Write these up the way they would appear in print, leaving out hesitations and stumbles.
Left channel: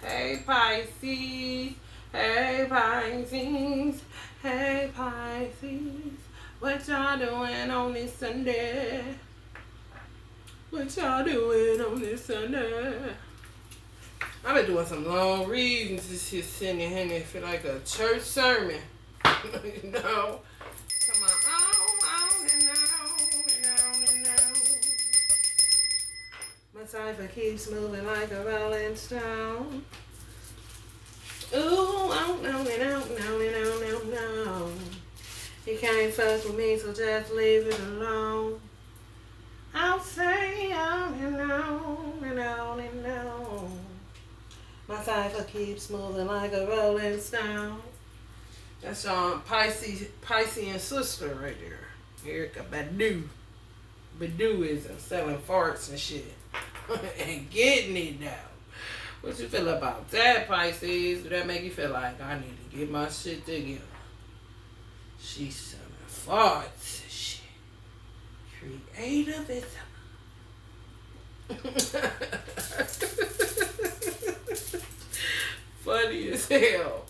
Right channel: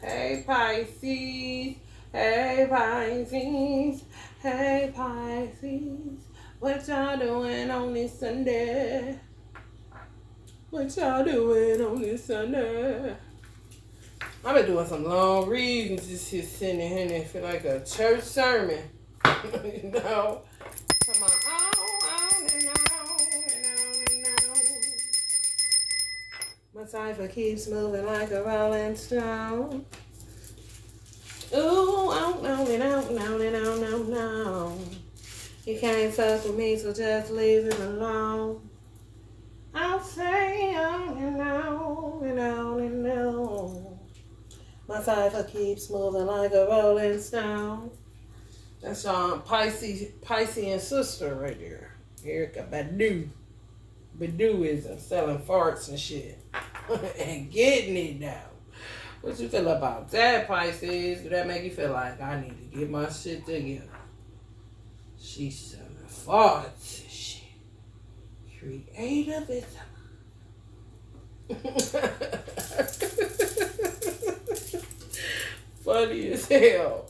Hey Pisces, hey Pisces, hey Pisces. What y'all doing on this Sunday? What y'all doing on this Sunday? I've been doing some long readings. Just sitting here and it feel like a church sermon. you know? Come on and on and on. My cipher keeps moving like a rolling stone. Ooh, on and on and on and on and on. You can't fuck with me, so just leave it alone. I'll say on and on and on and on. My cipher keeps moving like a rolling stone. That's Piscean sister right there. Erica Badu. Baduism, selling farts and shit. and getting it down. What you feel about that, Pisces? Does that make you feel like I need to get my shit together? She's selling farts and shit. Creativism. Funny as hell.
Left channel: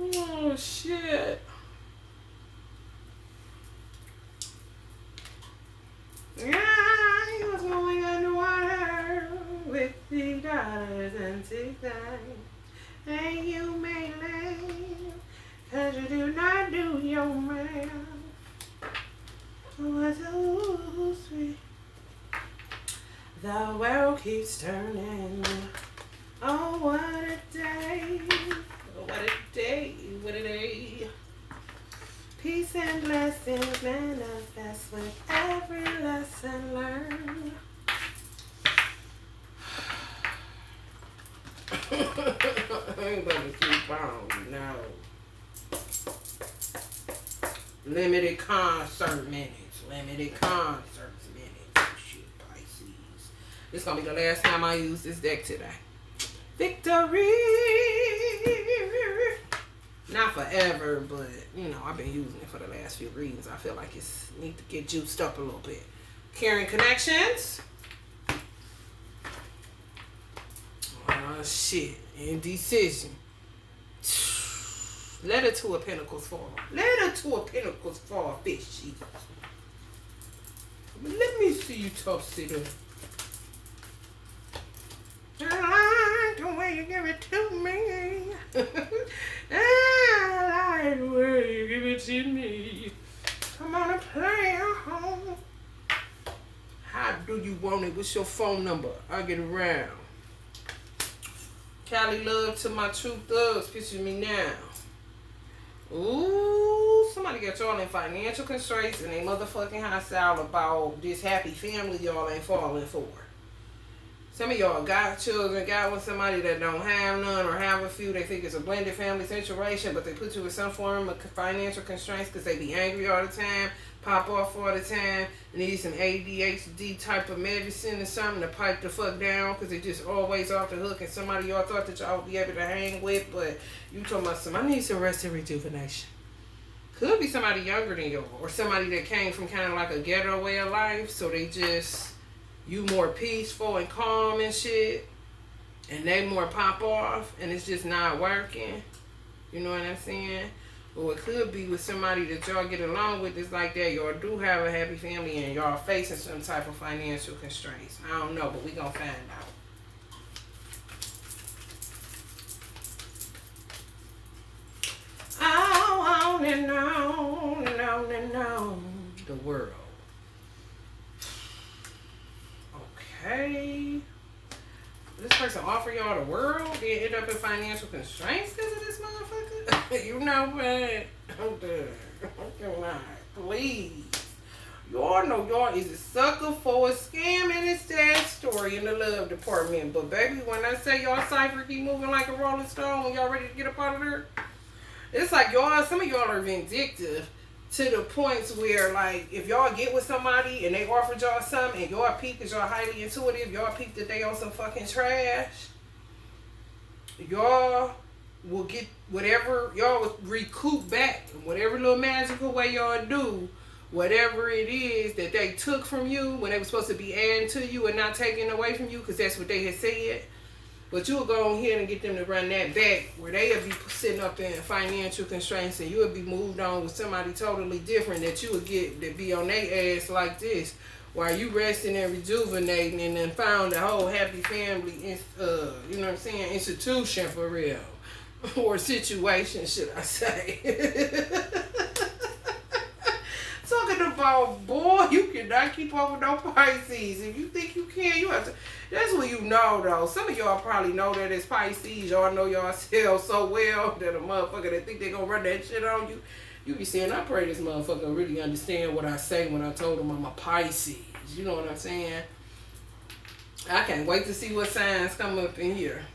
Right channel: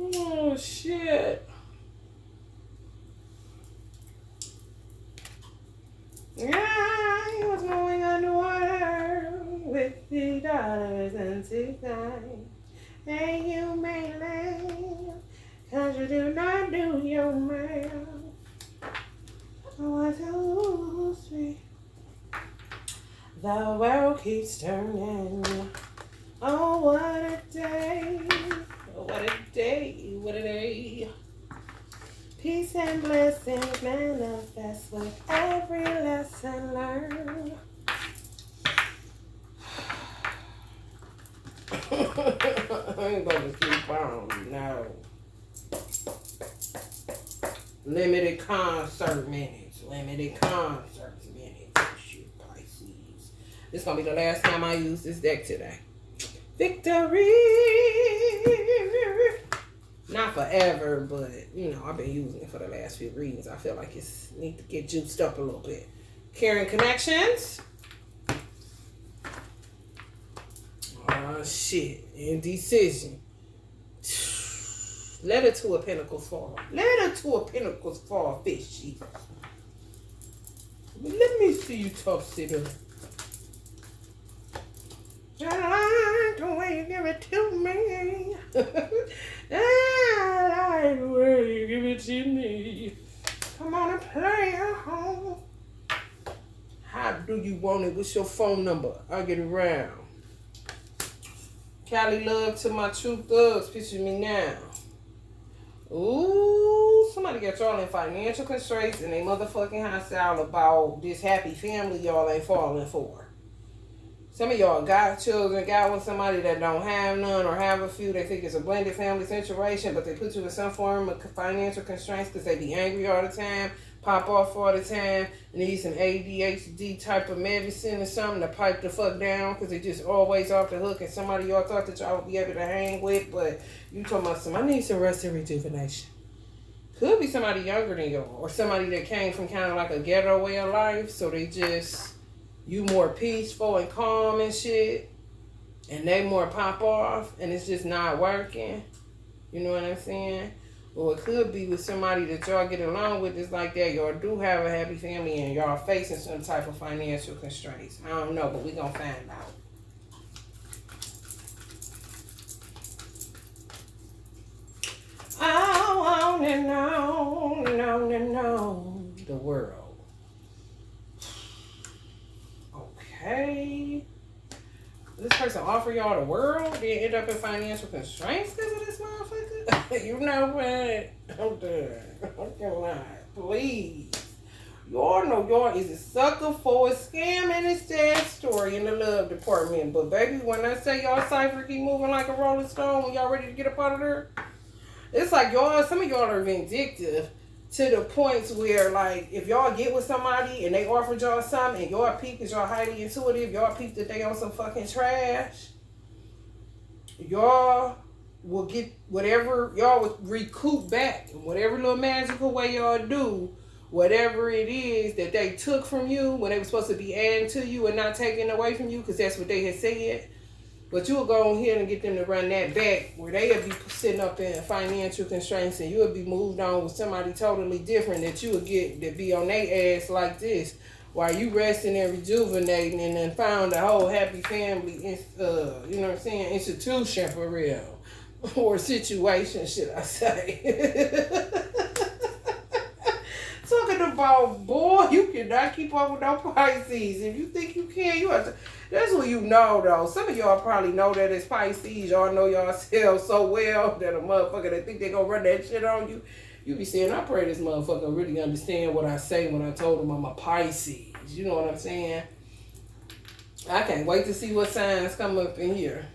Oh shit. Yeah, he was going underwater with $50 and $6. And you may laugh, 'cause you do not do your math. Oh, it's so sweet. The world keeps turning. Oh, what a day. Oh, what a day. What a day. Peace and blessings manifest with every lesson learned. I ain't gonna keep on, no. Limited concert minutes. Limited concert minutes. Oh, shit, Pisces. This is gonna be the last time I use this deck today. Victory! Not forever, but, you know, I've been using it for the last few readings. I feel like it's need to get juiced up a little bit. Caring connections. Shit. Indecision. Let her to a pentacles fall. Let her to a pentacles fall, fishy. But let me see you tough sit up. I like the way you give it to me. I like the way you give it to me. Come on and play at home. How do you want it? What's your phone number? I'll get around. Cali love to my true thugs. Picture me now. Ooh, somebody got y'all in financial constraints and they motherfucking hostile about this happy family y'all ain't falling for. Some of y'all got children, got with somebody that don't have none or have a few. They think it's a blended family situation, but they put you in some form of financial constraints because they be angry all the time, pop off all the time, need some ADHD type of medicine or something to pipe the fuck down because they just always off the hook and somebody y'all thought that y'all would be able to hang with, but you talking about I need some rest and rejuvenation. Could be somebody younger than y'all or somebody that came from kind of like a ghetto way of life, so they just... You more peaceful and calm and shit, and they more pop off, and it's just not working. You know what I'm saying? Or it could be with somebody that y'all get along with. It's like that. Y'all do have a happy family, and y'all facing some type of financial constraints. I don't know, but we gonna find out. Oh, on and on and on and on. The world. Okay. This person offer y'all the world, then end up in financial constraints because of this motherfucker? You know what? I'm done. I cannot. Please. Y'all know y'all is a sucker for a scam and a sad story in the love department. But baby, when I say y'all cipher keep moving like a rolling stone when y'all ready to get up out of there, it's like y'all, some of y'all are vindictive. To the points where, like, if y'all get with somebody and they offered y'all something and y'all peep because y'all highly intuitive, y'all peep that they on some fucking trash, y'all will get whatever, y'all will recoup back in whatever little magical way y'all do, whatever it is that they took from you when they were supposed to be adding to you and not taking away from you because that's what they had said. But you'll go ahead and get them to run that back where they'll be sitting up there in financial constraints and you'll be moved on with somebody totally different that you would get to be on their ass like this while you resting and rejuvenating and then found a whole happy family, you know what I'm saying, institution for real. Or situation, should I say. Talking about, boy, you cannot keep up with no Pisces. If you think you can, you have to. That's what you know, though. Some of y'all probably know that it's Pisces. Y'all know yourselves so well that a motherfucker that think they gonna run that shit on you. You be saying, I pray this motherfucker really understand what I say when I told him I'm a Pisces. You know what I'm saying? I can't wait to see what signs come up in here.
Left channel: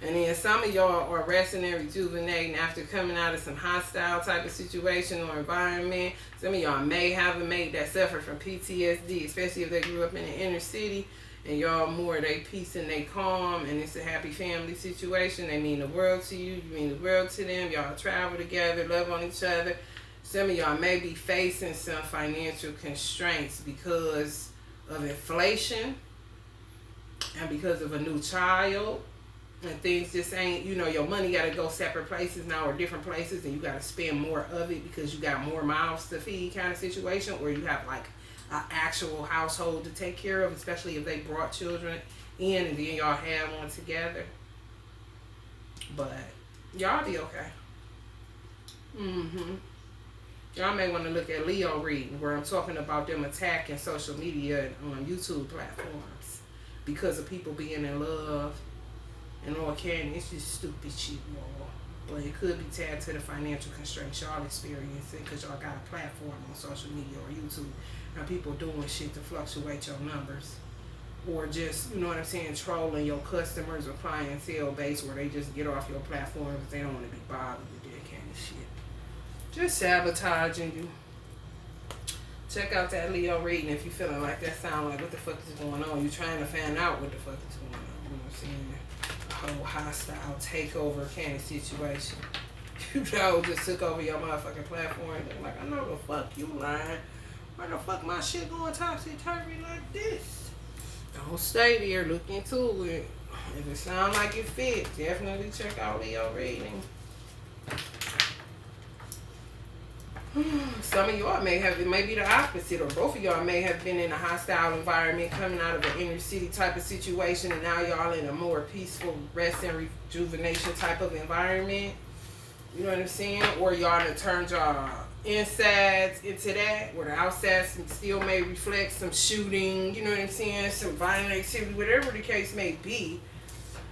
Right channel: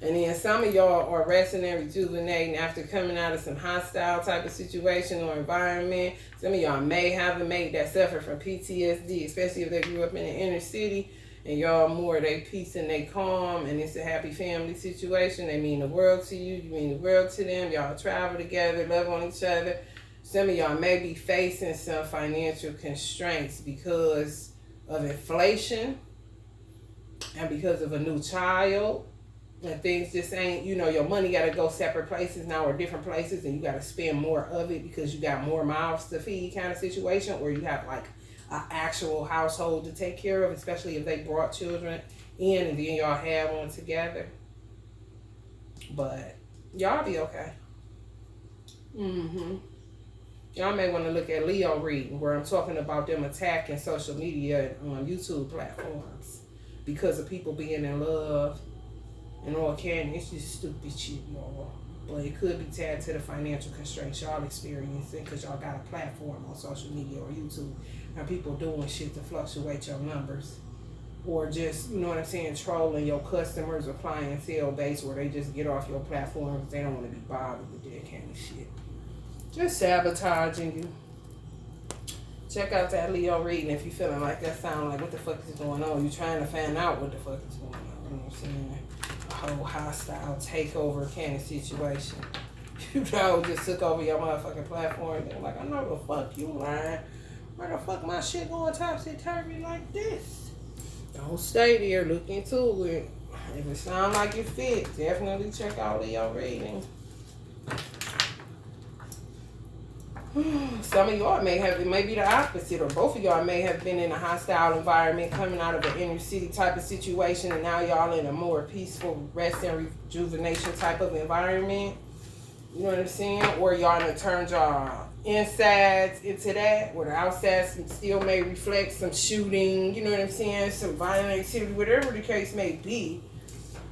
And then some of y'all are resting and rejuvenating after coming out of some hostile type of situation or environment. Some of y'all may have a mate that suffered from PTSD, especially if they grew up in the inner city. And y'all more they peace and they calm. And it's a happy family situation. They mean the world to you. You mean the world to them. Y'all travel together, love on each other. Some of y'all may be facing some financial constraints because of inflation and because of a new child. And things just ain't, you know, your money got to go separate places now or different places and you got to spend more of it because you got more mouths to feed kind of situation, or you have like an actual household to take care of, especially if they brought children in and then y'all have one together. But y'all be okay. Y'all may want to look at Leo reading where I'm talking about them attacking social media on YouTube platforms because of people being in love. And all can, it's just stupid shit, y'all. But it could be tagged to the financial constraints y'all experiencing because y'all got a platform on social media or YouTube and people doing shit to fluctuate your numbers. Or just, you know what I'm saying, trolling your customers or clientele base where they just get off your platform because they don't want to be bothered with that kind of shit. Just sabotaging you. Check out that Leo reading if you're feeling like that sound like what the fuck is going on. You're trying to find out what the fuck is going on. You know what I'm saying? Whole hostile takeover kind of situation. You know, just took over your motherfucking platform. They're like, I know the fuck you lying. Where the fuck my shit going topsy-turvy like this? Don't stay there. Look into it. If it sound like it fit, definitely check out Leo reading. Some of y'all may have, it may be the opposite, or both of y'all may have been in a hostile environment coming out of an inner city type of situation, and now y'all in a more peaceful rest and rejuvenation type of environment. You know what I'm saying? Or y'all done turned y'all insides into that, where the outside still may reflect some shooting, you know what I'm saying, some violent activity, whatever the case may be.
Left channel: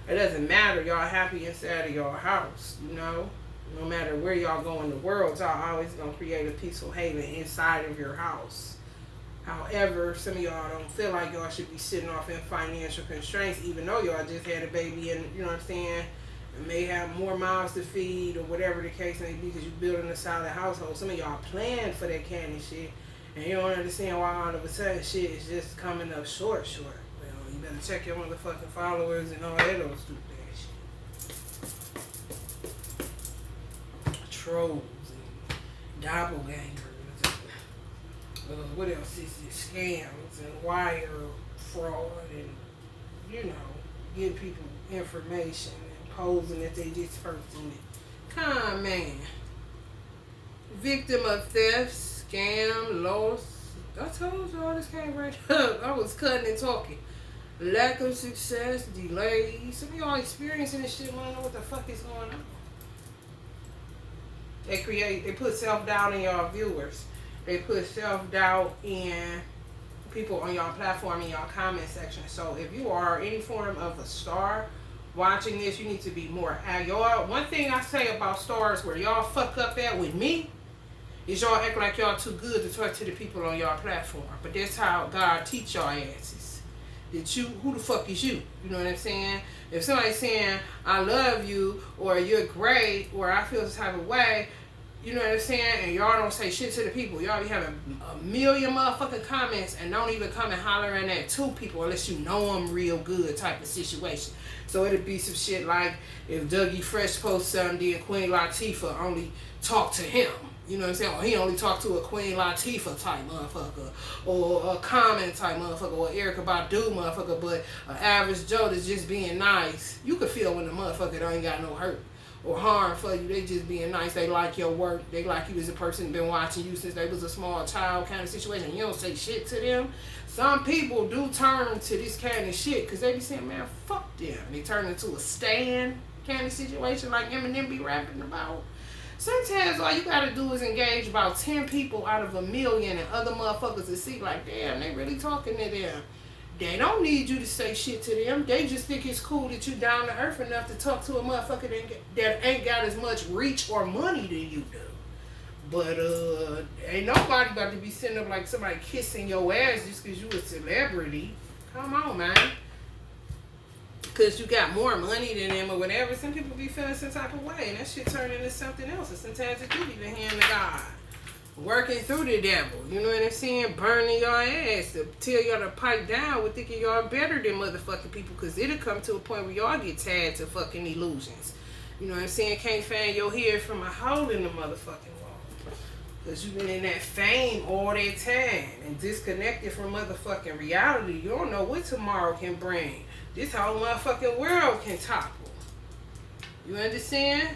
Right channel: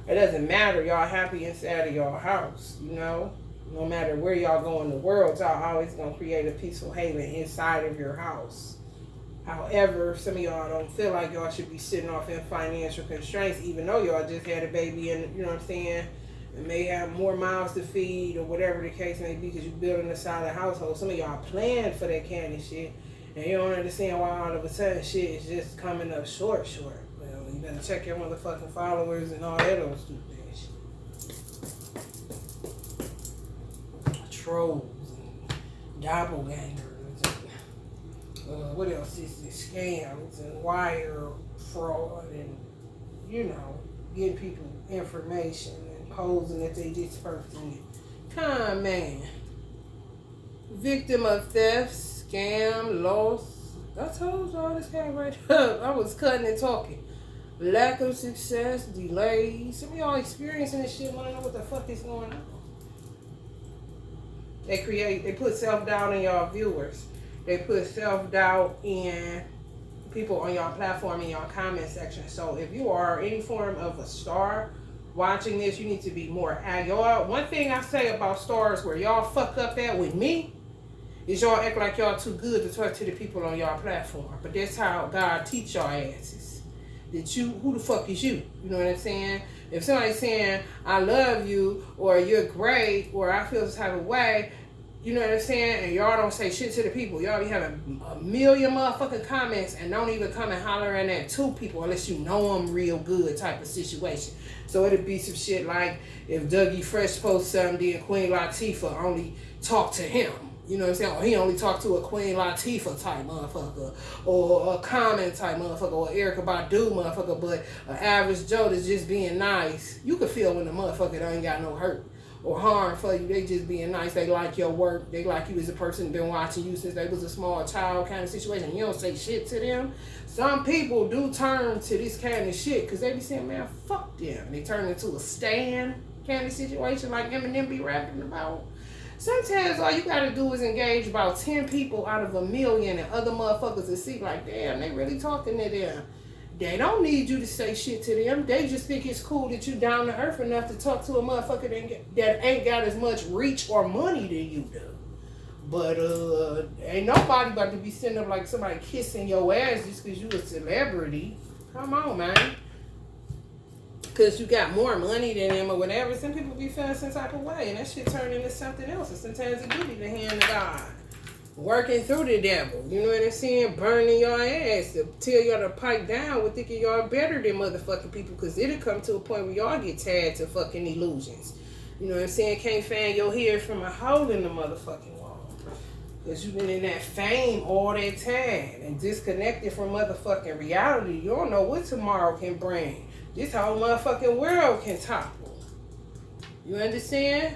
It doesn't matter. Y'all happy inside of your house, you know? No matter where y'all go in the world, y'all always gonna create a peaceful haven inside of your house. However, some of y'all don't feel like y'all should be sitting off in financial constraints, even though y'all just had a baby and, you know what I'm saying, and may have more mouths to feed or whatever the case may be because you're building a solid household. Some of y'all planned for that kind of shit, and you don't understand why all of a sudden shit is just coming up short. Well, you better check your motherfucking followers and all that other stupid ass shit. Trolls and doppelgangers and what else is this? Scams and wire fraud and, you know, getting people information and posing that they this person. Con man. Victim of theft, scam, loss. I told y'all this came right up. I was cutting and talking. Lack of success, delays. Some of y'all experiencing this shit, wanna know what the fuck is going on. They put self-doubt in y'all viewers. They put self-doubt in people on y'all platform, in y'all comment section. So if you are any form of a star watching this, you need to be more y'all. One thing I say about stars where y'all fuck up at with me is y'all act like y'all too good to talk to the people on y'all platform. But that's how God teach y'all asses. That you, who the fuck is you? You know what I'm saying? If somebody's saying, I love you, or you're great, or I feel this type of way, you know what I'm saying? And y'all don't say shit to the people. Y'all be having a million motherfucking comments and don't even come and hollering at two people unless you know them real good type of situation. So it'll be some shit like if Dougie Fresh posts something, then Queen Latifah only talk to him. You know what I'm saying? Or he only talked to a Queen Latifah type motherfucker, or a Common type motherfucker, or Erykah Badu motherfucker, but an average Joe that's just being nice. You can feel when the motherfucker don't ain't got no hurt or harm for you. They just being nice. They like your work. They like you as a person been watching you since they was a small child kind of situation. You don't say shit to them. Some people do turn to this kind of shit because they be saying, man, fuck them. They turn into a stand kind of situation like Eminem be rapping about. Sometimes all you gotta do is engage about 10 people out of 1,000,000 and other motherfuckers to see like, damn, they really talking to them. They don't need you to say shit to them. They just think it's cool that you down to earth enough to talk to a motherfucker that ain't got as much reach or money than you do. But ain't nobody about to be sitting up like somebody kissing your ass just because you a celebrity. Come on, man. Because you got more money than them or whatever. Some people be feeling some type of way, and that shit turn into something else. And sometimes it do be the hand of God working through the devil. You know what I'm saying? Burning your ass to tell y'all to pipe down with thinking y'all better than motherfucking people. Because it'll come to a point where y'all get tied to fucking illusions. You know what I'm saying? Can't fan your hair from a hole in the motherfucking wall. Because you've been in that fame all that time and disconnected from motherfucking reality. You don't know what tomorrow can bring. This whole motherfucking world can topple. You understand?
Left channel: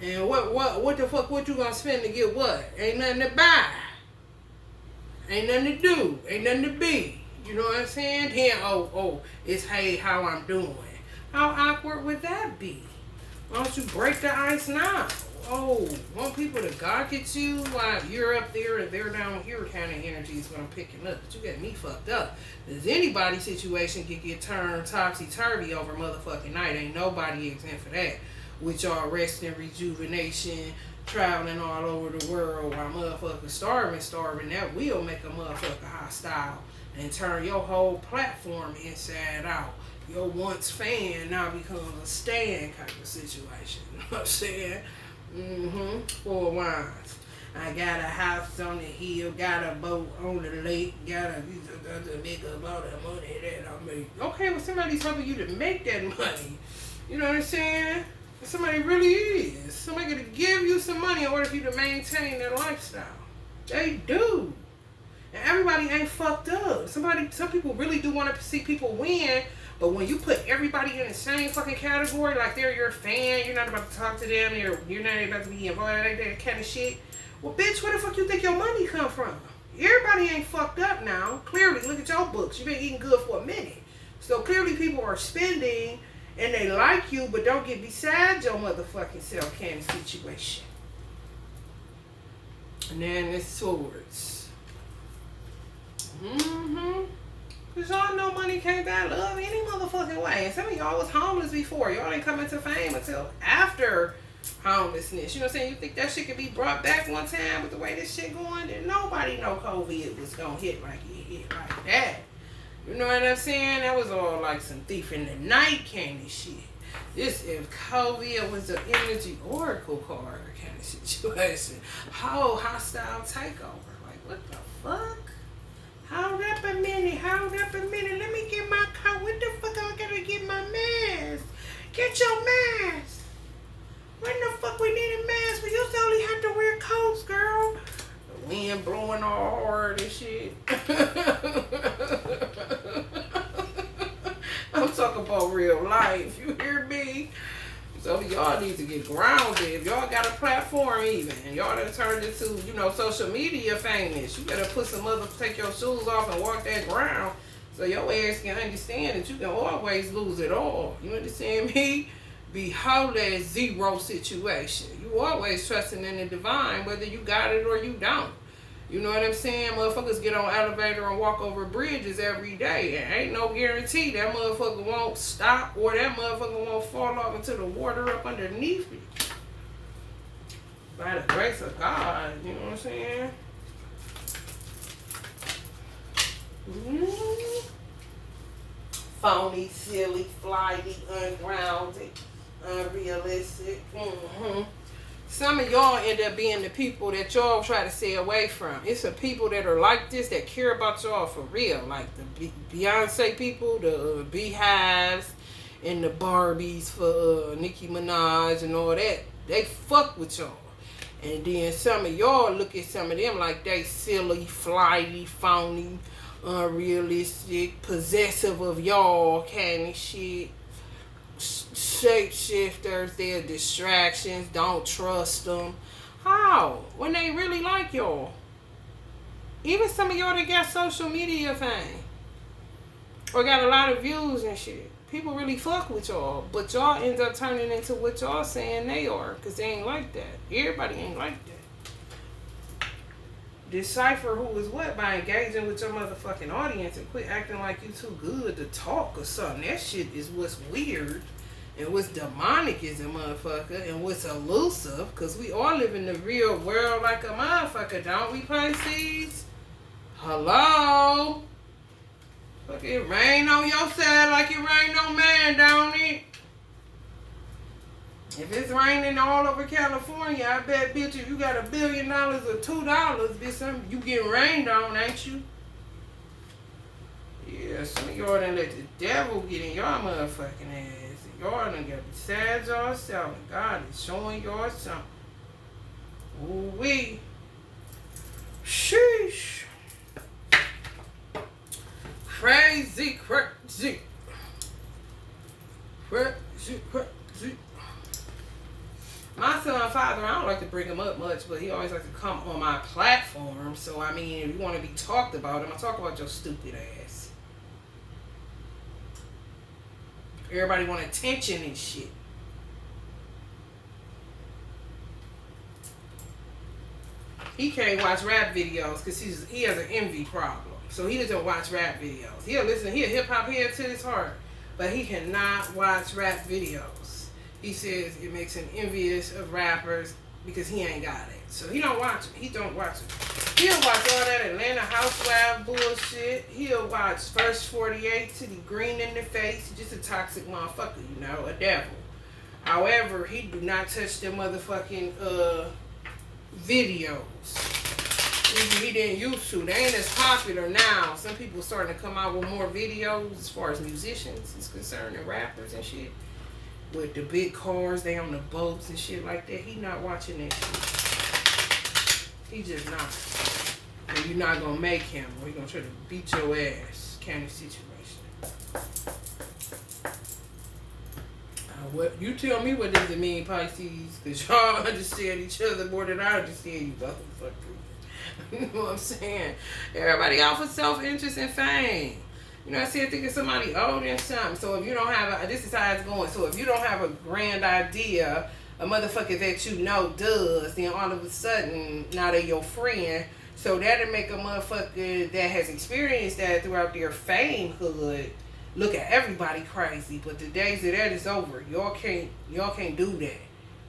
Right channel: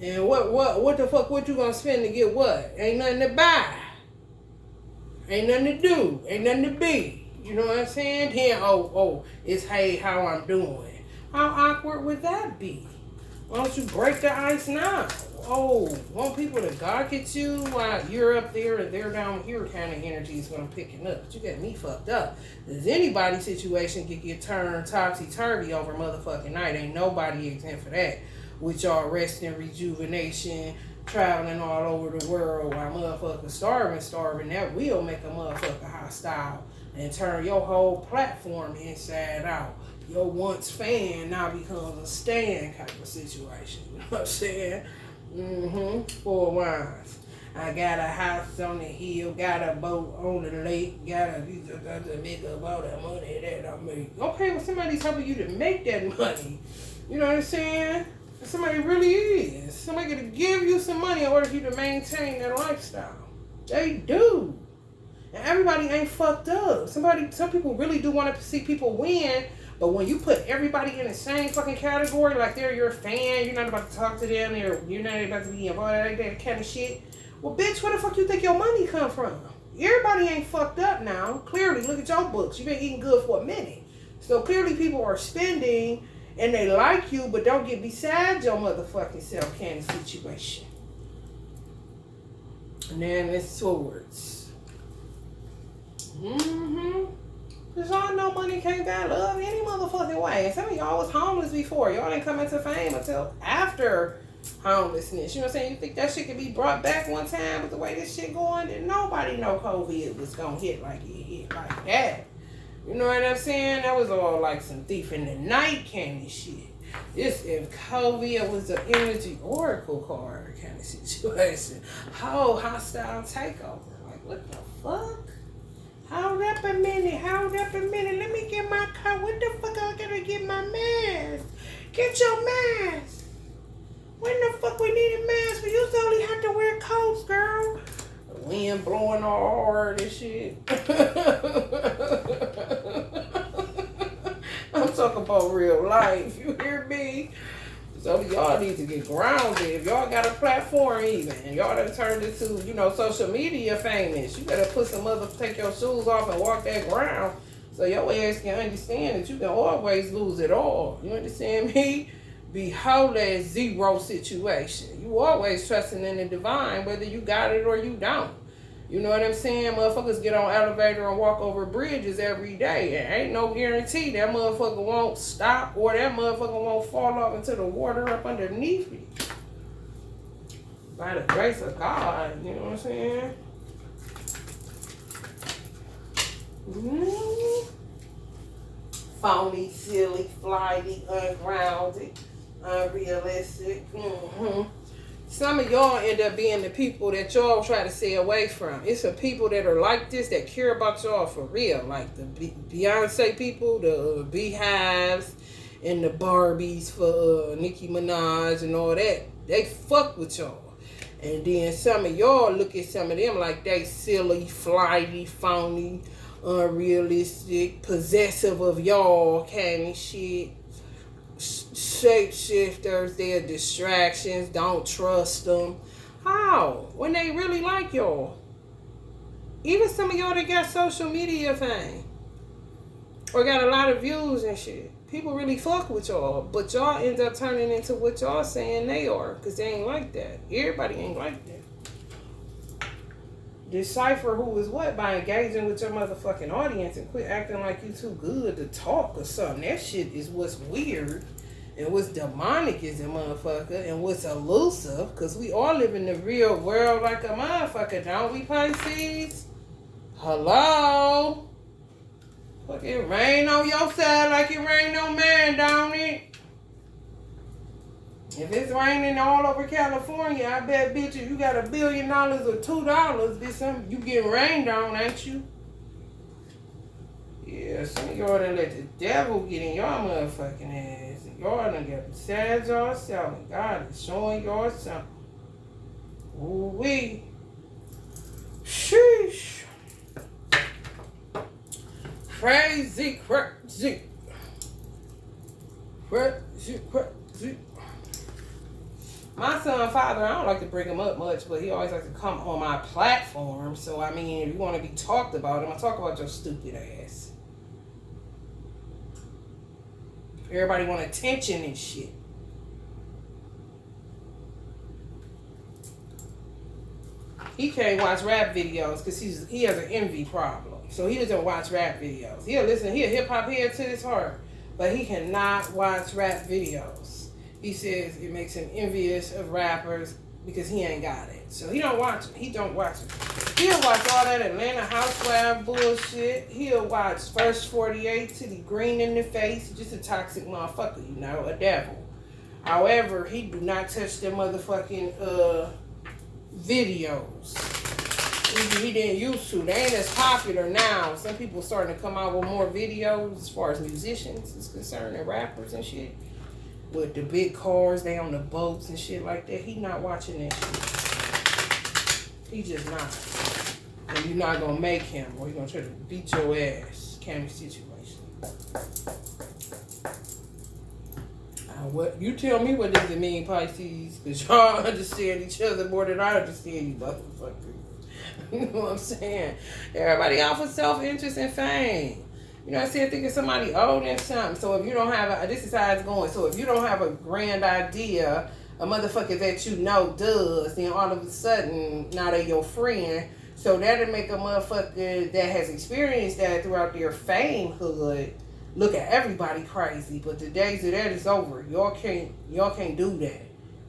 And what the fuck, what you gonna spend to get what? Ain't nothing to buy. Ain't nothing to do. Ain't nothing to be. You know what I'm saying? Then, it's hey, how I'm doing. How awkward would that be? Why don't you break the ice now? Oh, want people to gawk at you while you're up there and they're down here kind of energy is what I'm picking up. But you got me fucked up. Does anybody's situation could get turned topsy-turvy over motherfucking night? Ain't nobody exempt for that. With y'all resting, rejuvenation, traveling all over the world while motherfuckers starving, that will make a motherfucker hostile and turn your whole platform inside out. Your once fan now becomes a stand kind of situation. You know what I'm saying? Four wines. I got a house on the hill, got a boat on the lake, got a nigga about that money that I make. Okay, well somebody's helping you to make that money. You know what I'm saying? Somebody really is. Somebody gonna give you some money in order for you to maintain that lifestyle. They do. And everybody ain't fucked up. Some people really do want to see people win. But when you put everybody in the same fucking category, like they're your fan, you're not about to talk to them, you're not about to be involved in that kind of shit. Well, bitch, where the fuck you think your money come from? Everybody ain't fucked up now. Clearly, look at your books. You've been eating good for a minute. So clearly people are spending and they like you, but don't get beside your motherfucking self kind of situation. And then it's swords. Because y'all know money can't buy love any motherfucking way. And some of y'all was homeless before. Y'all ain't come into fame until after homelessness. You know what I'm saying? You think that shit could be brought back one time with the way this shit going? Then nobody know COVID was going to hit like it hit like that. You know what I'm saying? That was all like some thief in the night kind of shit. This, if COVID was an energy oracle card kind of situation. Whole hostile takeover. Like, what the fuck? Hold up a minute. Let me get my car. What the fuck I gotta get my mask? Get your mask. When the fuck we need a mask? We used to only have to wear coats, girl. The wind blowing all hard and shit. I'm talking about real life. You hear me? So y'all need to get grounded. If y'all got a platform even, and y'all done turned into, social media famous, you better take your shoes off and walk that ground so your ass can understand that you can always lose it all. You understand me? Be whole as zero situation. You always trusting in the divine, whether you got it or you don't. You know what I'm saying? Motherfuckers get on elevator and walk over bridges every day. And ain't no guarantee that motherfucker won't stop or that motherfucker won't fall off into the water up underneath you. By the grace of God, you know what I'm saying? Phony, silly, flighty, ungrounded, unrealistic. Some of y'all end up being the people that y'all try to stay away from. It's the people that are like this that care about y'all for real. Like the Beyonce people, the Beehives, and the Barbies for Nicki Minaj and all that. They fuck with y'all. And then some of y'all look at some of them like they silly, flighty, phony, unrealistic, possessive of y'all kind of shit. Shapeshifters, they're distractions. Don't trust them. How? When they really like y'all. Even some of y'all that got social media fame or got a lot of views and shit. People really fuck with y'all, but y'all end up turning into what y'all saying they are, because they ain't like that. Everybody ain't like that. Decipher who is what by engaging with your motherfucking audience and quit acting like you too good to talk or something. That shit is what's weird and what's demonic is a motherfucker and what's elusive, because we all live in the real world like a motherfucker, don't we, Pisces? Hello? Fuck, it rain on your side like it rain on mine, don't it? If it's raining all over California, I bet, bitch, if you got $1 billion or $2, bitch, you getting rained on, ain't you? Yeah, some of y'all done let the devil get in y'all motherfucking ass. Y'all done got beside yourself, and God is showing y'all something. Ooh-wee. Sheesh. Crazy. My son, father, I don't like to bring him up much, but he always likes to come on my platform. So, I mean, if you want to be talked about, I'm going to talk about your stupid ass. Everybody want attention and shit. He can't watch rap videos because he has an envy problem. So he doesn't watch rap videos. He'll listen, he a hip-hop head to his heart, but he cannot watch rap videos. He says it makes him envious of rappers because he ain't got it. So he don't watch them. He don't watch them. He'll watch all that Atlanta Housewives bullshit. He'll watch First 48 to the green in the face. Just a toxic motherfucker, you know, a devil. However, he do not touch the motherfucking videos. He didn't used to. They ain't as popular now. Some people starting to come out with more videos as far as musicians is concerned and rappers and shit. With the big cars, they on the boats and shit like that. He not watching that shit. He just not. And you're not gonna make him, or you're gonna try to beat your ass kind of situation. What you tell me, what does it mean, Pisces? Because y'all understand each other more than I understand you motherfuckers. You know what I'm saying? Everybody out for self-interest and fame. You know what I'm saying? Thinking somebody owed them something. So if you don't have this is how it's going. So if you don't have a grand idea, a motherfucker that you know does, then all of a sudden, now they your friend. So that'll make a motherfucker that has experienced that throughout their famehood look at everybody crazy. But the days of that is over. Y'all can't do that.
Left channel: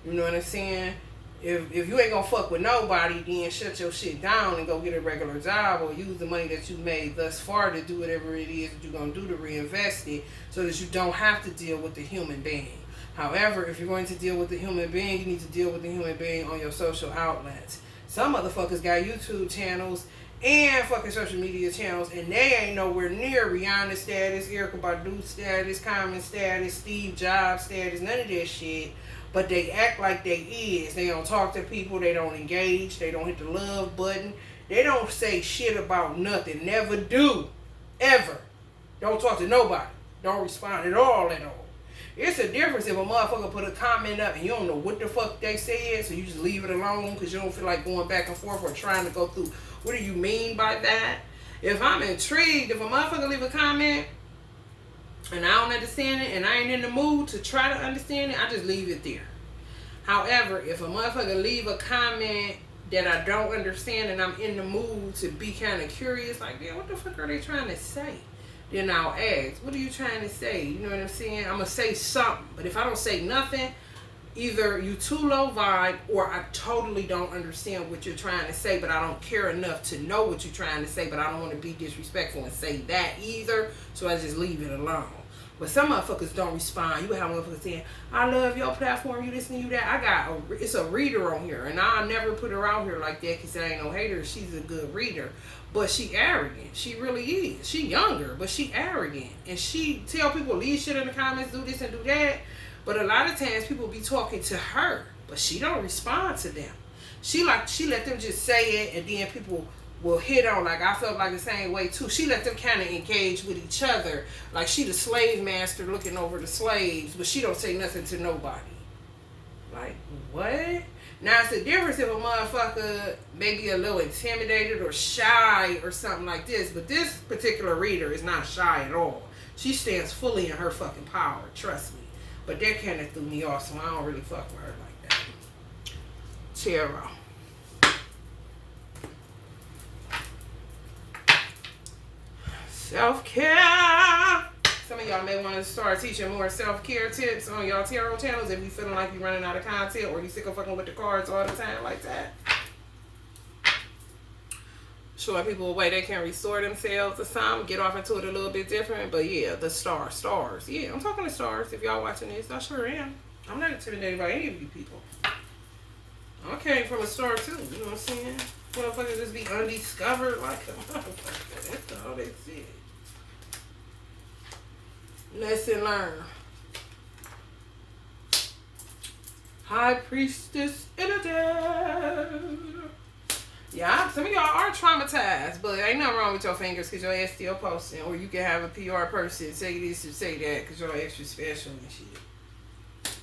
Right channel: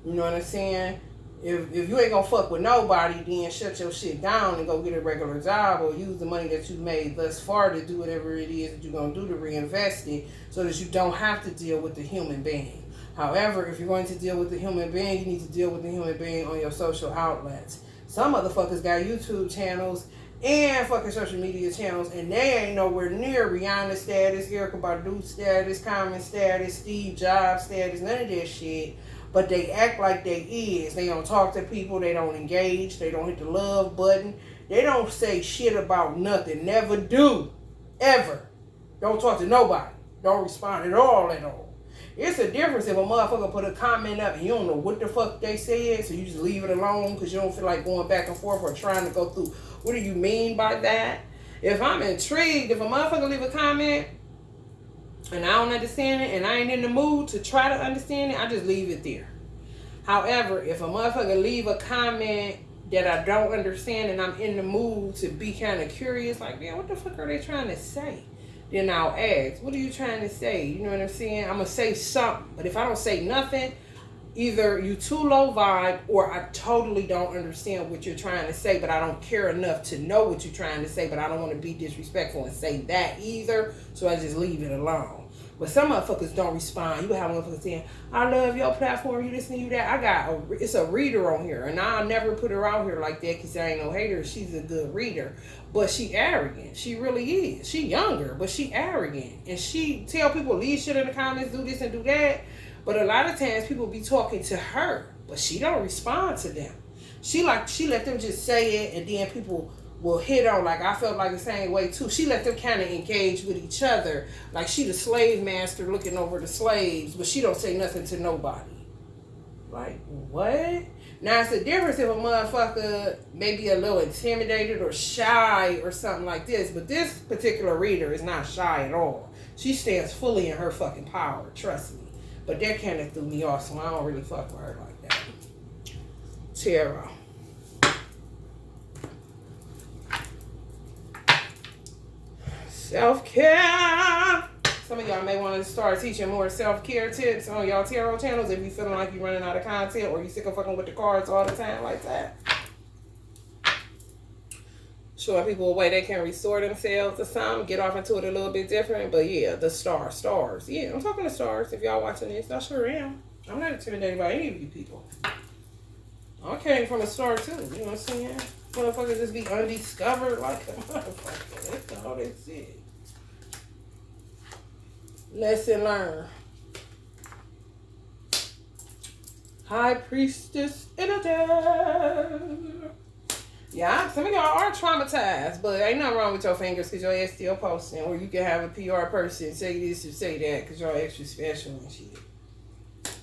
You know what I'm saying? If you ain't gonna fuck with nobody, then shut your shit down and go get a regular job or use the money that you made thus far to do whatever it is that you're gonna do to reinvest it so that you don't have to deal with the human being. However, if you're going to deal with the human being, you need to deal with the human being on your social outlets. Some motherfuckers got YouTube channels and fucking social media channels, and they ain't nowhere near Rihanna status, Erykah Badu status, Common status, Steve Jobs status, none of that shit. But they act like they is. They don't talk to people. They don't engage. They don't hit the love button. They don't say shit about nothing. Never do. Ever. Don't talk to nobody. Don't respond at all. It's a difference if a motherfucker put a comment up and you don't know what the fuck they said, so you just leave it alone because you don't feel like going back and forth or trying to go through. What do you mean by that? If I'm intrigued, if a motherfucker leave a comment and I don't understand it and I ain't in the mood to try to understand it, I just leave it there. However, if a motherfucker leave a comment that I don't understand and I'm in the mood to be kind of curious, like, man, what the fuck are they trying to say? Then I'll ask, what are you trying to say? You know what I'm saying? I'm going to say something. But if I don't say nothing, either you too low vibe or I totally don't understand what you're trying to say, but I don't care enough to know what you're trying to say, but I don't want to be disrespectful and say that either, so I just leave it alone. But some motherfuckers don't respond. You have motherfuckers saying, I love your platform, you this and you that. It's a reader on here, and I'll never put her out here like that because I ain't no hater. She's a good reader. But she arrogant. She really is. She younger, but she arrogant. And she tell people, leave shit in the comments, do this and do that. But a lot of times people be talking to her, but she don't respond to them. She let them just say it, and then people will hit on. Like, I felt like the same way too. She let them kind of engage with each other. Like, she the slave master looking over the slaves, but she don't say nothing to nobody. Like, what? Now, it's a difference if a motherfucker may be a little intimidated or shy or something like this, but this particular reader is not shy at all. She stands fully in her fucking power, trust me. But that kind of threw me off, so I don't really fuck with her like that. Tarot. Self-care. Some of y'all may want to start teaching more self-care tips on y'all tarot channels if you feeling like you're running out of content or you sick of fucking with the cards all the time like that. Showing people a way they can restore themselves or something. Get off into it a little bit different. But yeah, the stars. Yeah, I'm talking to stars. If y'all watching this, I sure am. I'm not intimidated by any of you people. I came from a star too. You know what I'm saying? Motherfuckers just be undiscovered like a motherfucker. That's all they said. Lesson learned. High Priestess energy. Yeah, some of y'all are traumatized, but ain't nothing wrong with your fingers because your ass still posting. Or you can have a PR person say this or say that because y'all extra special and shit.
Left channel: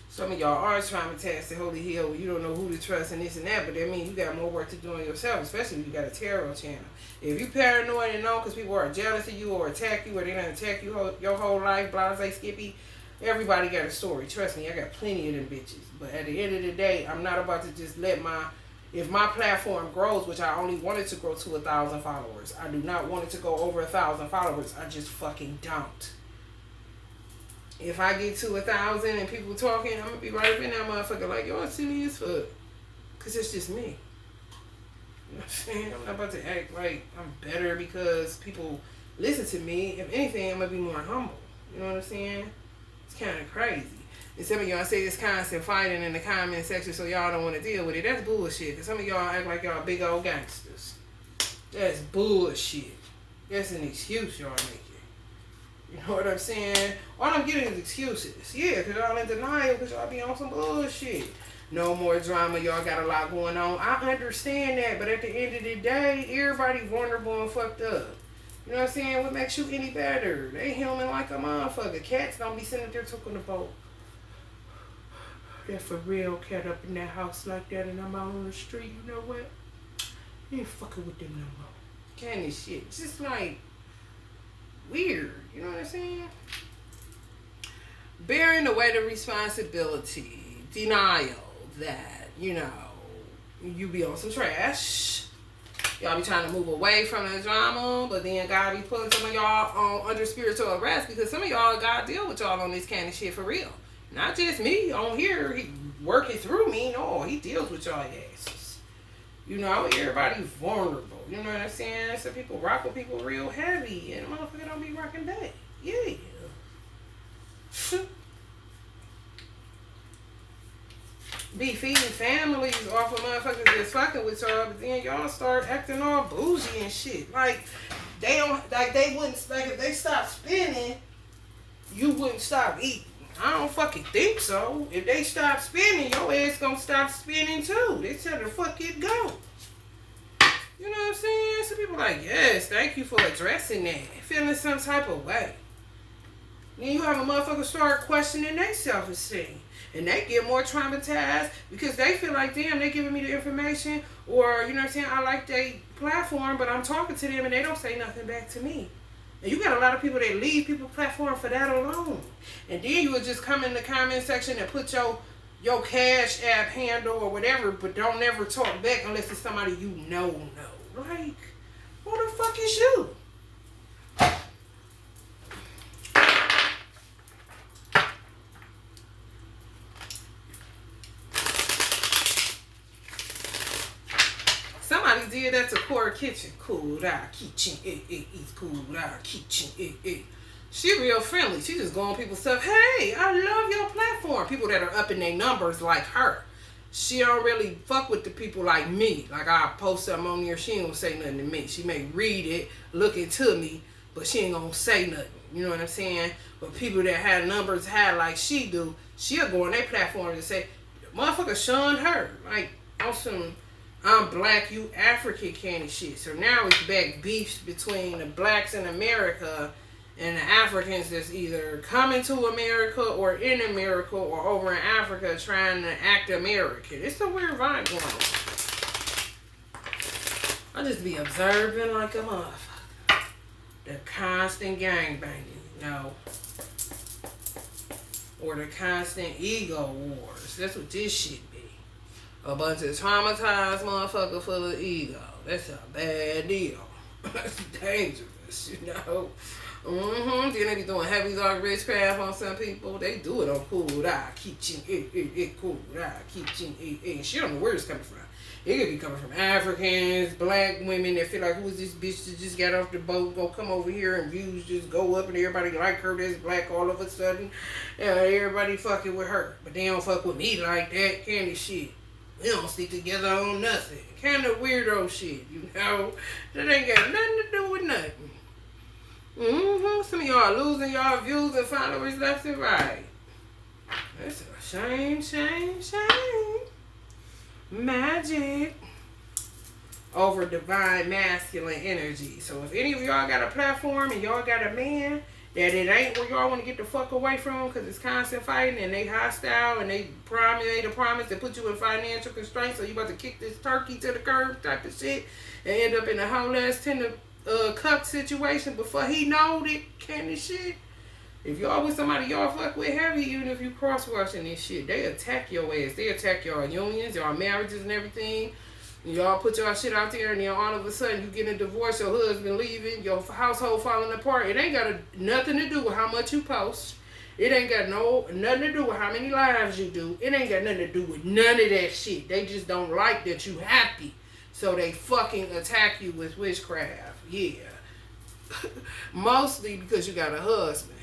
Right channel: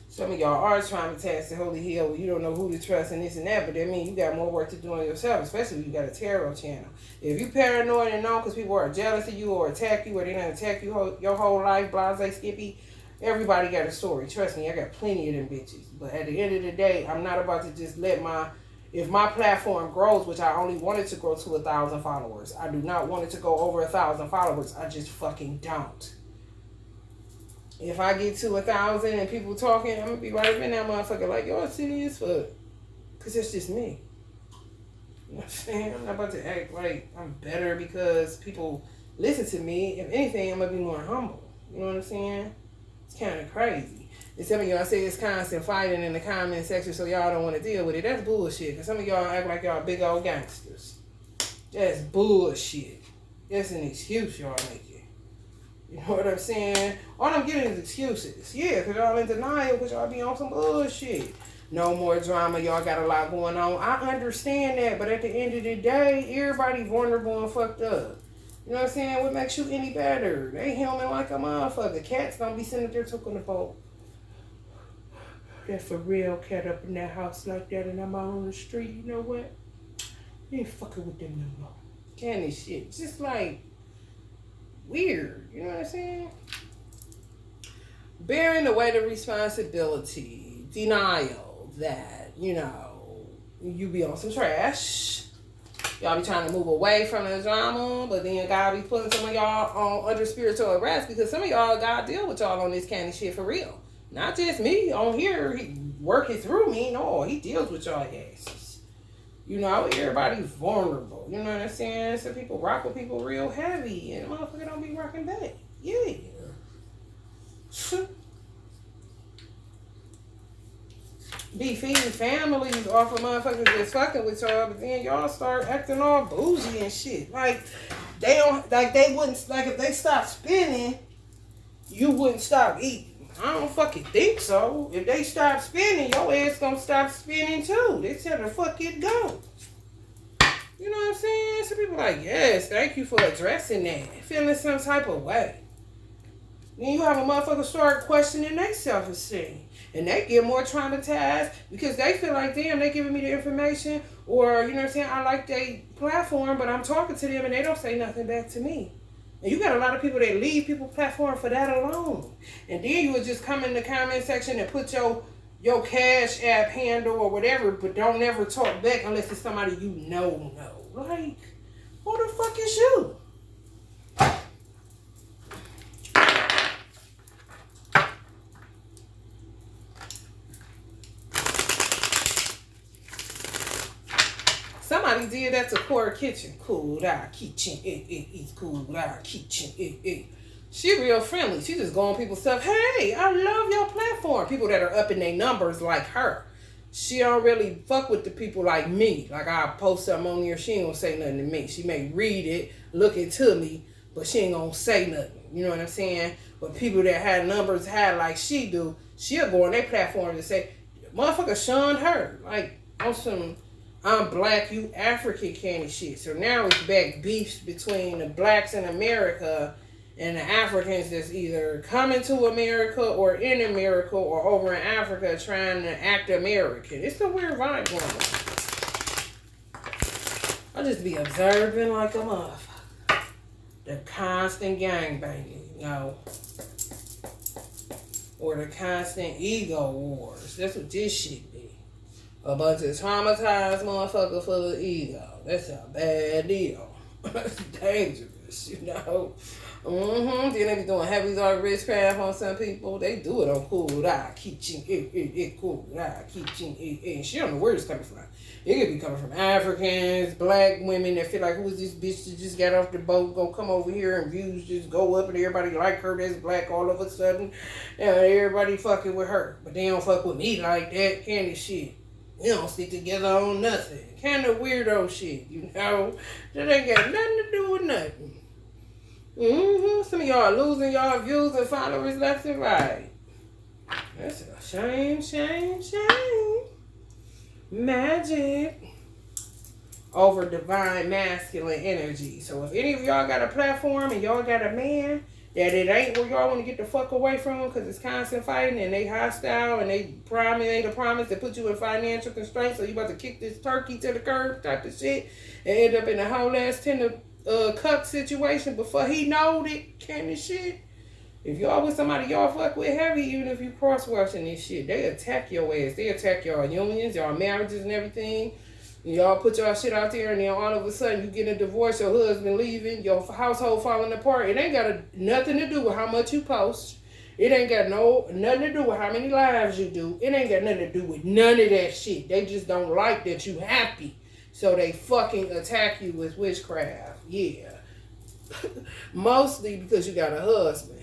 Some of y'all are traumatized to holy hell where you don't know who to trust and this and that, but that means you got more work to do on yourself, especially if you got a tarot channel. If you paranoid and know because people are jealous of you or attack you or they don't attack you your whole life, blase, skippy, everybody got a story. Trust me, I got plenty of them bitches. But at the end of the day, I'm not about to just let if my platform grows, which I only wanted to grow to 1,000 followers, I do not want it to go over 1,000 followers. I just fucking don't. If I get to 1,000 and people talking, I'm gonna be right up in that motherfucker like, yo, it's silly as fuck. Cause it's just me. You know what I'm saying? I'm not about to act like I'm better because people listen to me. If anything, I'm gonna be more humble. You know what I'm saying? It's kind of crazy. And some of y'all say it's constant fighting in the comment section so y'all don't want to deal with it. That's bullshit. And some of y'all act like y'all big old gangsters. That's bullshit. That's an excuse y'all making. You know what I'm saying? All I'm getting is excuses. Yeah, because y'all in denial because y'all be on some bullshit. No more drama. Y'all got a lot going on. I understand that. But at the end of the day, everybody vulnerable and fucked up. You know what I'm saying? What makes you any better? They human like a motherfucker. Cats don't be sitting there talking about that for real cat up in that house like that and I'm out on the street. You know what? You ain't fucking with them no more. Candy shit. Just like weird. You know what I'm saying? Bearing the weight of responsibility. Denial that, you know, you be on some trash. Y'all be trying to move away from the drama, but then God be putting some of y'all on under spiritual arrest because some of y'all God deal with y'all on this kind of shit for real. Not just me on here, he working through me. No, he deals with y'all asses. You know, everybody's vulnerable. You know what I'm saying? Some people rock with people real heavy, and the motherfucker don't be rocking back. Yeah. Be feeding families off of motherfuckers that's fucking with y'all, but then y'all start acting all bougie and shit. Like, they don't, like, they wouldn't, like, if they stopped spending, you wouldn't stop eating. I don't fucking think so. If they stop spending, your ass gonna stop spending too. They tell the fuck it go. You know what I'm saying? Some people like, yes, thank you for addressing that. Feeling some type of way. Then you have a motherfucker start questioning their self-esteem. And they get more traumatized because they feel like, damn, they giving me the information. Or, you know what I'm saying, I like their platform, but I'm talking to them and they don't say nothing back to me. And you got a lot of people that leave people's platform for that alone. And then you would just come in the comment section and put your Cash App handle or whatever, but don't never talk back unless it's somebody you know. Like, who the fuck is you? Somebody did that to Core Kitchen. Cool, our kitchen. It's cool, our kitchen. She real friendly. She just go on people's stuff. Hey, I love your platform. People that are up in their numbers like her. She don't really fuck with the people like me. Like, I post something on here, she ain't gonna say nothing to me. She may read it, look into me, but she ain't gonna say nothing. You know what I'm saying? But people that had numbers high like she do, she'll go on their platform and say, motherfucker shunned her. Like, on some I'm black, you African kind of shit. So now it's back beefs between the blacks in America and the Africans that's either coming to America or in America or over in Africa trying to act American. It's a weird vibe going on. I just be observing like a motherfucker. The constant gangbanging, or the constant ego wars. That's what this shit be. A bunch of traumatized motherfucker full of ego. That's a bad deal. That's dangerous, Then they be doing heavy dog witchcraft on some people. They do it on cool. Keep cool. Keep and shit. I don't know where it's coming from. It could be coming from Africans, black women that feel like, who's this bitch that just got off the boat, go come over here and views just go up and everybody like her that's black all of a sudden. Everybody fucking with her. But they don't fuck with me like that kind of shit. We don't stick together on nothing. Kind of weirdo shit, That ain't got nothing to do with nothing. Some of y'all losing y'all views and followers left and right. That's a shame. Magic over divine masculine energy. So if any of y'all got a platform and y'all got a man that it ain't where y'all want to get the fuck away from because it's constant fighting and they hostile and they made a promise to put you in financial constraints, so you about to kick this turkey to the curb type of shit and end up in a whole ass 10 cup situation before he knowed it kind of shit. If y'all with somebody y'all fuck with heavy, even if you cross-watching this shit, they attack your ass. They attack y'all unions, y'all marriages and everything. Y'all put y'all shit out there and then all of a sudden you get a divorce, your husband leaving, your household falling apart. It ain't got nothing to do with how much you post. It ain't got nothing to do with how many lives you do. It ain't got nothing to do with none of that shit. They just don't like that you happy. So they fucking attack you with witchcraft. Yeah. Mostly because you got a husband.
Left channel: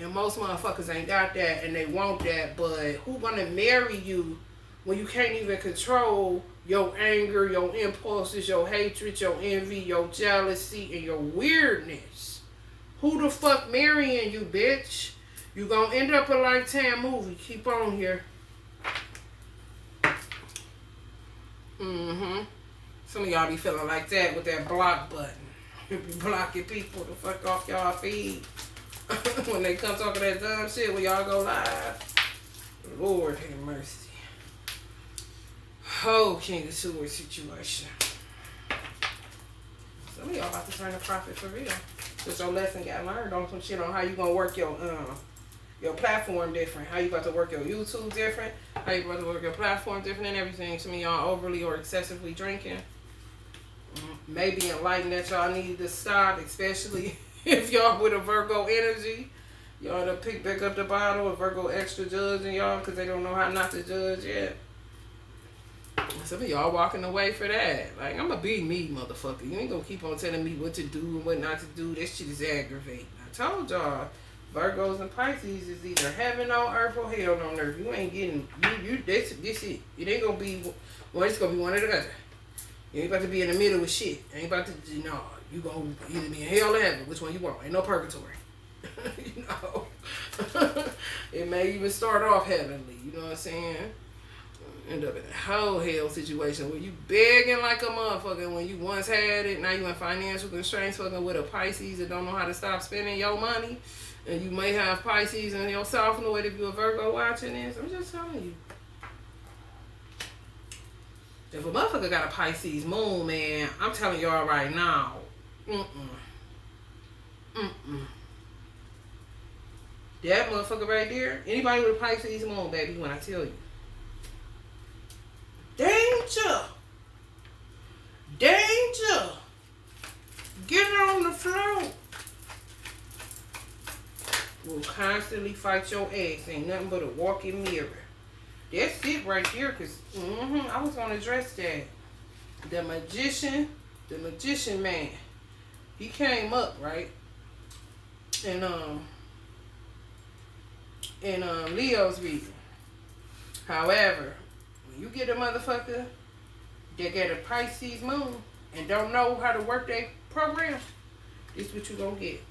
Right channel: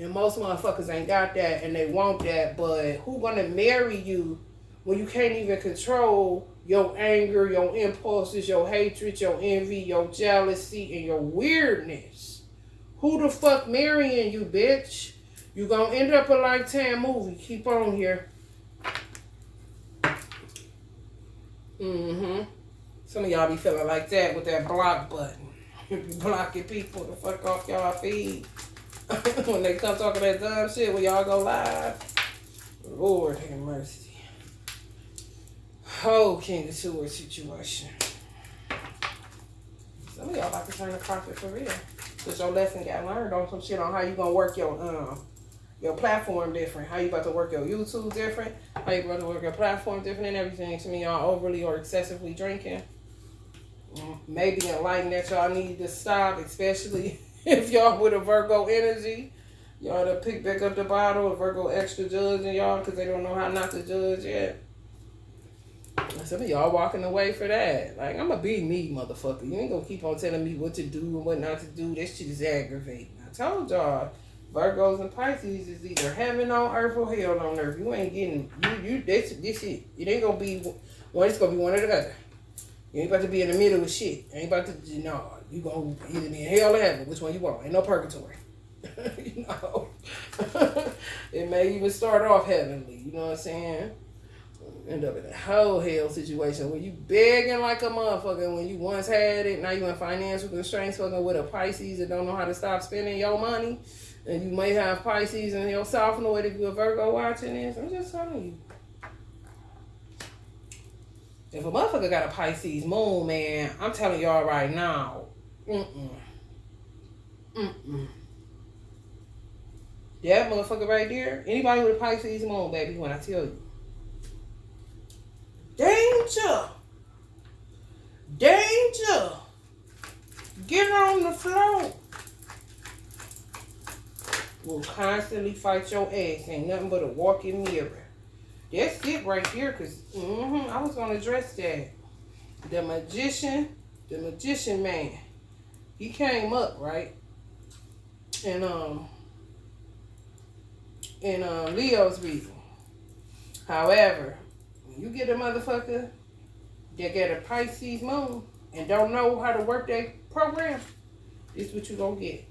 And most motherfuckers ain't got that and they want that. But who gonna marry you when you can't even control your anger, your impulses, your hatred, your envy, your jealousy, and your weirdness? Who the fuck marrying you, bitch? You gonna end up a Lifetime movie. Keep on here. Some of y'all be feeling like that with that block button. You be blocking people to fuck off y'all feed. When they come talking that dumb shit when y'all go live. Lord have mercy. Oh, King of Swords situation. Some of y'all about to turn a profit for real. Because your lesson got learned on some shit on how you gonna work your platform different. How you about to work your YouTube different. How you about to work your platform different and everything. Some of y'all overly or excessively drinking. Maybe enlightened that y'all need to stop, especially if y'all with a Virgo energy. Y'all to pick back up the bottle, a Virgo extra judging y'all because they don't know how not to judge yet. Some of y'all walking away for that. Like, I'm going to be me, motherfucker. You ain't going to keep on telling me what to do and what not to do. That shit is aggravating. I told y'all, Virgos and Pisces is either heaven on earth or hell on earth. You ain't getting, this it. It ain't going to be, it's going to be one or the other. You ain't about to be in the middle with shit. Ain't about to, you going to either be in hell or heaven. Which one you want? Ain't no purgatory. It may even start off heavenly. You know what I'm saying? End up in a whole hell situation where you begging like a motherfucker when you once had it. Now you in financial constraints fucking with a Pisces that don't know how to stop spending your money. And you may have Pisces in your South Node if you're a Virgo watching this. I'm just telling you. If a motherfucker got a Pisces moon, man, I'm telling y'all right now. That motherfucker right there, anybody with a Pisces moon, baby, when I tell you. Danger. Danger. Get on the floor. Will constantly fight your ass. Ain't nothing but a walking mirror. That's it right there, because I was going to address that. The magician man, he came up, right? And Leo's reading. However, when you get a motherfucker that got a Pisces moon and don't know how to work that program, this is what you gonna get.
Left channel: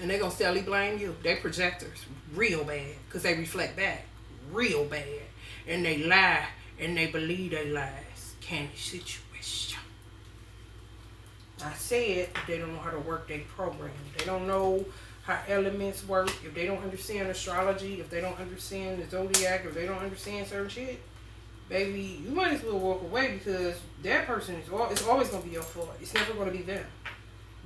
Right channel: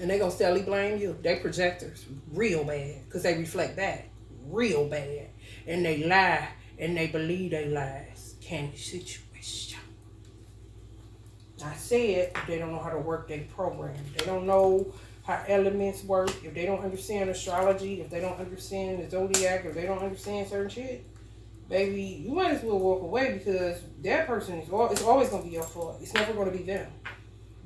And they gonna steadily blame you. They projectors real bad because they reflect back real bad. and they lie and they believe they lies. Candy situation. I said they don't know how to work their program. They don't know how elements work. If they don't understand astrology, if they don't understand the zodiac, if they don't understand certain shit, baby, you might as well walk away, because that person it's always going to be your fault. It's never going to be them.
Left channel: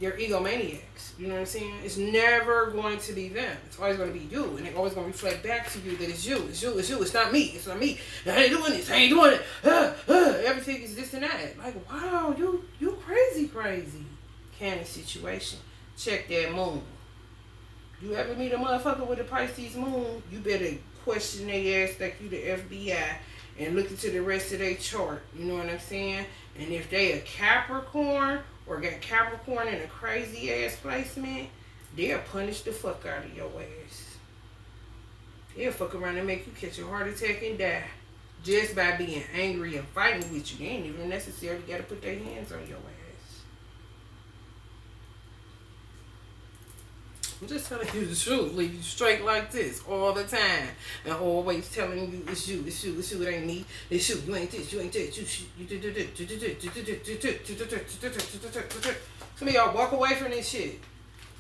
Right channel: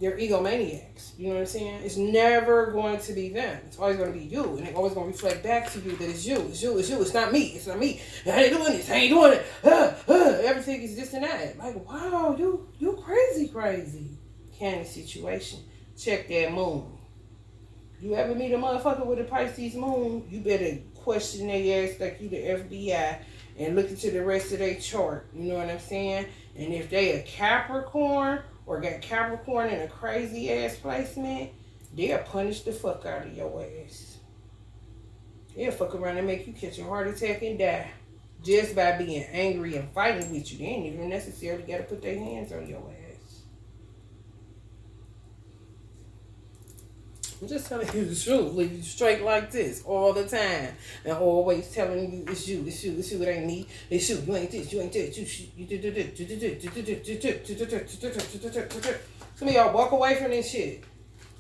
They're egomaniacs. You know what I'm saying? It's never going to be them. It's always going to be you. And it's always going to reflect back to you that it's you. It's you. It's you. It's not me. It's not me. I ain't doing this. I ain't doing it. Everything is this and that. Like, wow, you crazy. Candy situation. Check that moon. You ever meet a motherfucker with a Pisces moon, you better question their ass like you the FBI and look into the rest of their chart. You know what I'm saying? And if they a Capricorn, or got Capricorn in a crazy ass placement, they'll punish the fuck out of your ass. They'll fuck around and make you catch a heart attack and die just by being angry and fighting with you. They ain't even necessarily got to put their hands on your ass. I'm just telling you the truth. Leave you straight like this all the time. And always telling you it's you, it ain't me, it's you, you ain't this, you ain't that, you some of y'all walk away from this shit.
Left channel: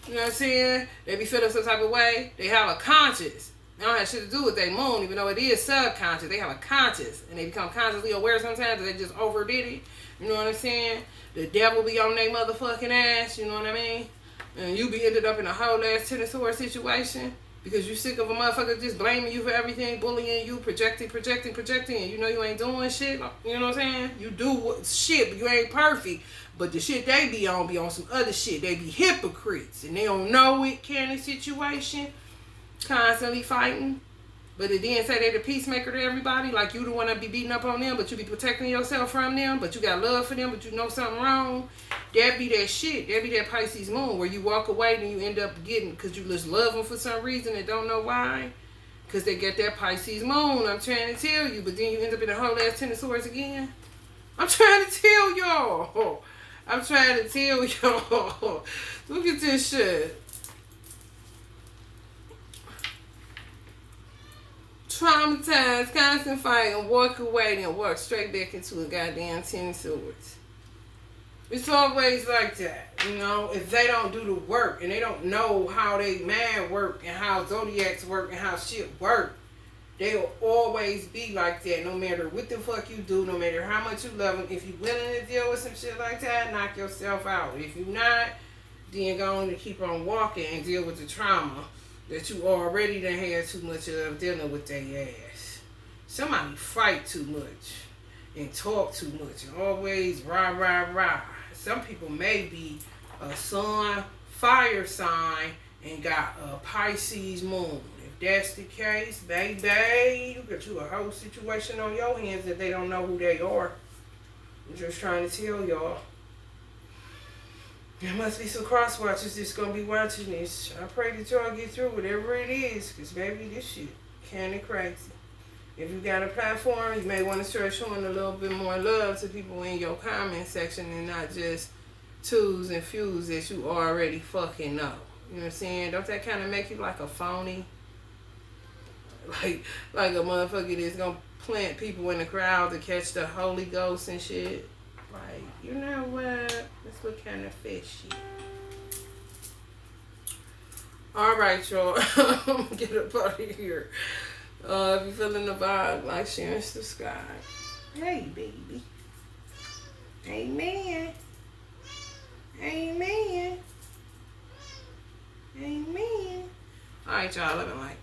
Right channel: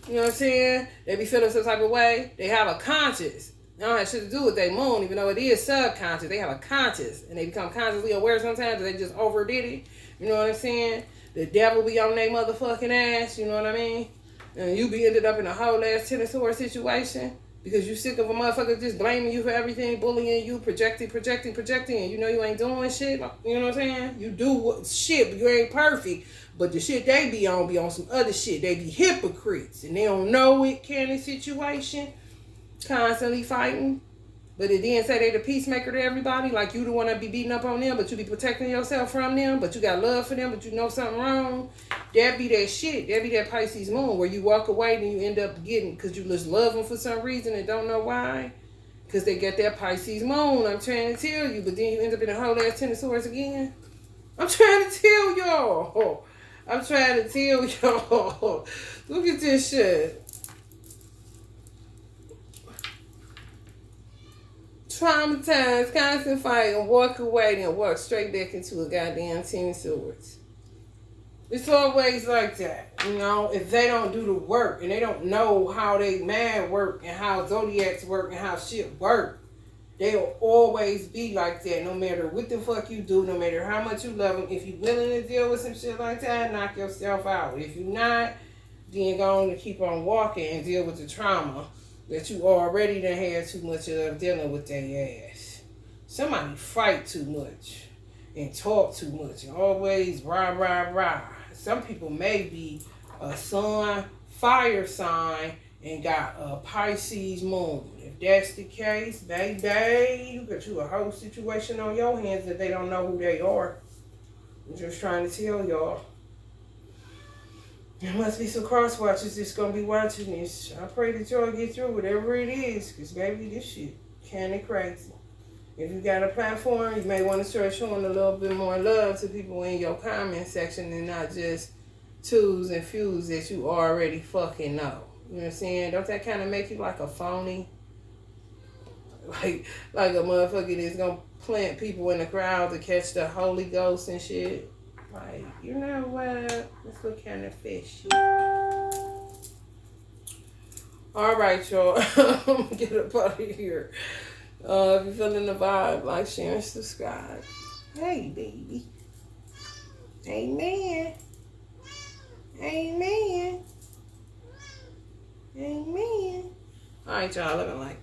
You know what I'm saying? They be feeling some type of way. They have a conscience. They don't have shit to do with their moon, even though it is subconscious. They have a conscience. And they become consciously aware sometimes that they just overdid it. You know what I'm saying? The devil be on their motherfucking ass. You know what I mean? And you be ended up in a whole ass Ten of Swords situation because you sick of a motherfucker just blaming you for everything, bullying you, projecting, and you know you ain't doing shit. You know what I'm saying? You do shit, but you ain't perfect. But the shit they be on some other shit. They be hypocrites and they don't know it. Candy situation, constantly fighting. But it didn't say they the peacemaker to everybody. Like you the one that be beating up on them, but you be protecting yourself from them. But you got love for them, but you know something wrong. That be that shit. That be that Pisces moon where you walk away and you end up getting, because you just love them for some reason and don't know why. Because they get that Pisces moon. I'm trying to tell you. But then you end up in a whole ass Ten of Swords again. I'm trying to tell y'all. Look at this shit. Traumatized, constant fighting, walk away, then walk straight back into a goddamn Ten of Swords. It's always like that, you know. If they don't do the work and they don't know how they man work and how zodiacs work and how shit work, they'll always be like that. No matter what the fuck you do, no matter how much you love them. If you're willing to deal with some shit like that, knock yourself out. If you're not, then go on and keep on walking and deal with the trauma that you already done had too much of dealing with their ass. Somebody fight too much and talk too much and always rah. Some people may be a sun, fire sign and got a Pisces moon. If that's the case, baby, you got you a whole situation on your hands that they don't know who they are. I'm just trying to tell y'all. There must be some cross watchers that's going to be watching this. I pray that y'all get through whatever it is, because baby, this shit kinda crazy. If you got a platform, you may want to start showing a little bit more love to people in your comment section and not just twos and fews that you already fucking know. You know what I'm saying? Don't that kind of make you like a phony? Like a motherfucker that's going to plant people in the crowd to catch the Holy Ghost and shit. Like, you know what? Let's look kind of fishy. Alright, y'all. Get up out of here. If you're feeling the vibe, like, share, and subscribe. Hey, baby. Amen. Amen. Amen. Alright, y'all. Living like.